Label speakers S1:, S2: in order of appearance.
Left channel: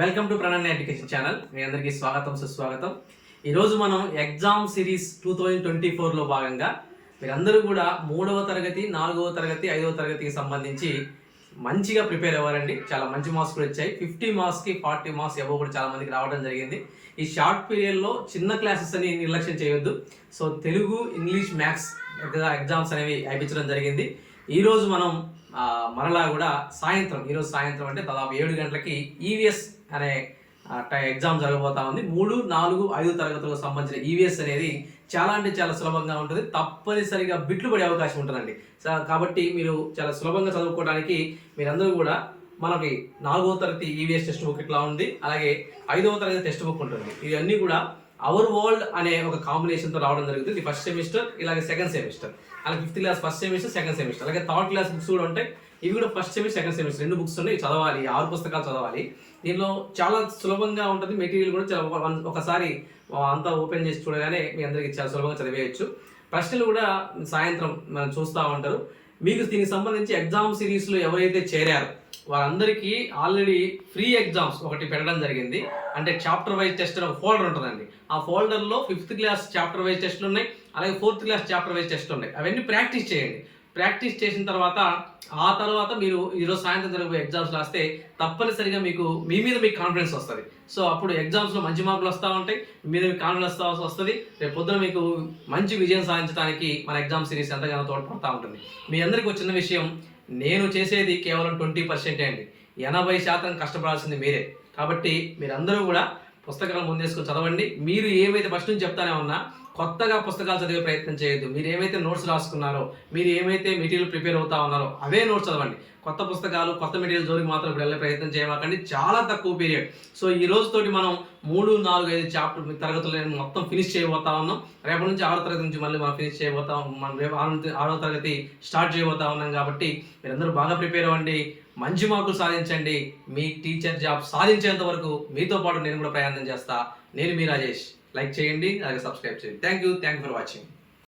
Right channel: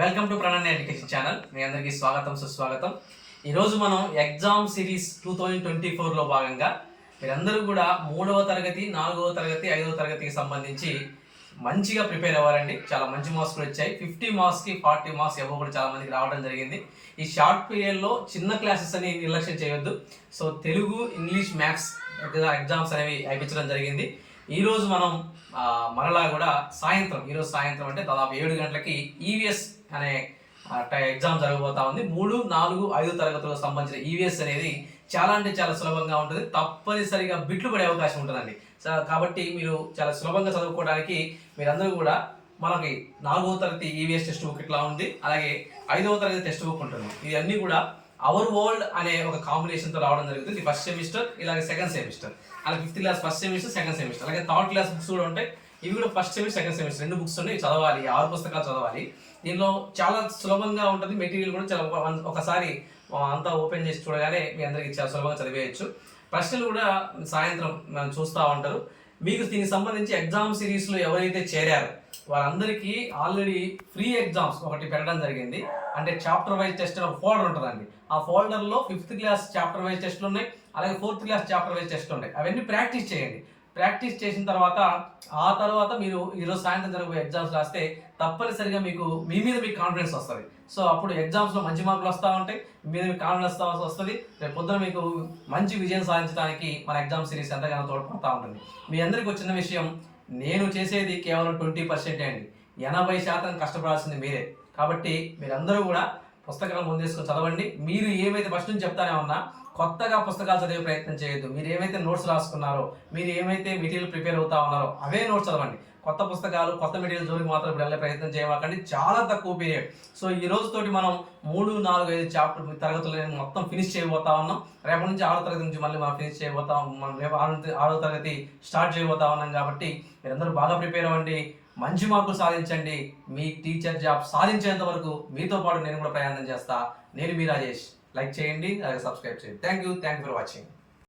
S1: Welcome to Pranan education channel. మీ అందరికీ స్వాగతం సుస్వాగతం. ఈరోజు మనం exam series two thousand twenty ఫోర్లో భాగంగా మీరందరూ కూడా మూడవ తరగతి నాలుగవ తరగతి ఐదవ తరగతికి సంబంధించి మంచిగా ప్రిపేర్ అవ్వారండి చాలా మంచి మార్క్స్ కూడా వచ్చాయి. ఫిఫ్టీ మార్క్స్కి ఫార్టీ మార్క్స్ ఎవో కూడా చాలా మందికి రావడం జరిగింది. ఈ షార్ట్ పీరియడ్లో చిన్న క్లాసెస్ అని నిర్లక్ష్యం చేయొద్దు. So Telugu English maths exams అనేవి అయిపించడం జరిగింది. ఈరోజు మనం మరలా కూడా సాయంత్రం ఈరోజు సాయంత్రం అంటే దాదాపు ఏడు గంటలకి ఈవీఎస్ అనే టై- ఎగ్జామ్ జరగబోతా ఉంది. మూడు నాలుగు ఐదు తరగతులకు సంబంధించిన ఈవీఎస్ అనేది చాలా అంటే చాలా సులభంగా ఉంటుంది. తప్పనిసరిగా బిట్లు పడే అవకాశం ఉంటుందండి. సో కాబట్టి మీరు చాలా సులభంగా చదువుకోవడానికి మీరందరూ కూడా మనకి నాలుగవ తరగతి ఈవీఎస్ టెక్స్ట్ బుక్ ఇట్లా ఉంది అలాగే ఐదవ తరగతి టెక్స్ట్ బుక్ ఉంటుంది. ఇవన్నీ కూడా అవర్ వరల్డ్ అనే ఒక కాంబినేషన్తో రావడం జరుగుతుంది. ఫస్ట్ సెమిస్టర్ ఇలాగే సెకండ్ సెమిస్టర్ అలాగే fifth class first semester second semester అలాగే థర్డ్ క్లాస్ బుక్స్ కూడా ఉంటాయి. ఇవి కూడా ఫస్ట్ సెమిస్టర్ సెకండ్ సెమిస్టర్ రెండు బుక్స్ ఉన్నాయి చదవాలి ఆరు పుస్తకాలు చదవాలి. దీనిలో చాలా సులభంగా ఉంటుంది. మెటీరియల్ కూడా చాలా ఒకసారి అంతా ఓపెన్ చేసి చూడగానే మీ అందరికీ చాలా సులభంగా చదివేయచ్చు. ప్రశ్నలు కూడా సాయంత్రం మనం చూస్తూ ఉంటారు. మీకు దీనికి సంబంధించి ఎగ్జామ్ సిరీస్లో ఎవరైతే చేరారో వారందరికీ ఆల్రెడీ ఫ్రీ ఎగ్జామ్స్ ఒకటి పెట్టడం జరిగింది. అంటే చాప్టర్ వైజ్ టెస్ట్ ఒక ఫోల్డర్ ఉంటుందండి. ఆ ఫోల్డర్లో ఫిఫ్త్ క్లాస్ చాప్టర్ వైజ్ టెస్ట్లు ఉన్నాయి అలాగే fourth class chapter wise test ఉన్నాయి. అవన్నీ ప్రాక్టీస్ చేయండి. ప్రాక్టీస్ చేసిన తర్వాత ఆ తర్వాత మీరు ఈరోజు సాయంత్రం జరిగే ఎగ్జామ్స్ రాస్తే తప్పనిసరిగా మీకు మీ మీద మీకు కాన్ఫిడెన్స్ వస్తుంది. సో అప్పుడు ఎగ్జామ్స్లో మంచి మార్కులు వస్తూ ఉంటాయి. మీ మీద మీకు కాన్ఫిడెన్స్ వస్తుంది. రేపు పొద్దున మీకు మంచి విజయం సాధించడానికి మన ఎగ్జామ్ సిరీస్ ఎంతగానో తోడ్పడుతూ ఉంటుంది. మీ అందరికీ వచ్చిన విషయం. నేను చేసేది కేవలం ట్వంటీ పర్సెంటే అండి. ఎనభై శాతం కష్టపడాల్సింది మీరే. కాబట్టి మీరందరూ కూడా పుస్తకాలు ముందేసుకొని చదవండి. మీరు ఏమైతే ఫస్ట్ నుంచి చెప్తానే ఉన్నా కొత్తగా పుస్తకాలు చదివే ప్రయత్నం చేయొద్దు. మీరు ఏమైతే నోట్స్ రాసుకున్నారో మీరు ఏమైతే మెటీరియల్ ప్రిపేర్ అవుతా ఉన్నారో అవే నోట్స్ చదవండి. కొత్త పుస్తకాలు కొత్త మెటీరియల్ జోలికి మాత్రం ఇప్పుడు వెళ్ళే ప్రయత్నం చేయవాకండి చాలా తక్కువ పీరియడ్. సో ఈ రోజుతోటి మనం మూడు నాలుగు ఐదు చాప్టర్ తరగతులు నేను మొత్తం ఫినిష్ చేయబోతా ఉన్నాం. రేపటి నుంచి ఆరో తరగతి నుంచి మళ్ళీ మనం ఫినిష్ చేయబోతా మనం రేపు ఆరో ఆరో తరగతి స్టార్ట్ చేయబోతా ఉన్నాం కాబట్టి మీరందరూ బాగా ప్రిపేర్ అవ్వండి. మంచి మార్కులు సాధించండి. మీ టీచర్ జాబ్ సాధించేంత వరకు మీతో పాటు నేను కూడా ప్రయాణం చేస్తా. నేను మీ రాజేష్. లైక్ చేయండి అలాగే సబ్స్క్రైబ్ చేయండి thank you thank for watching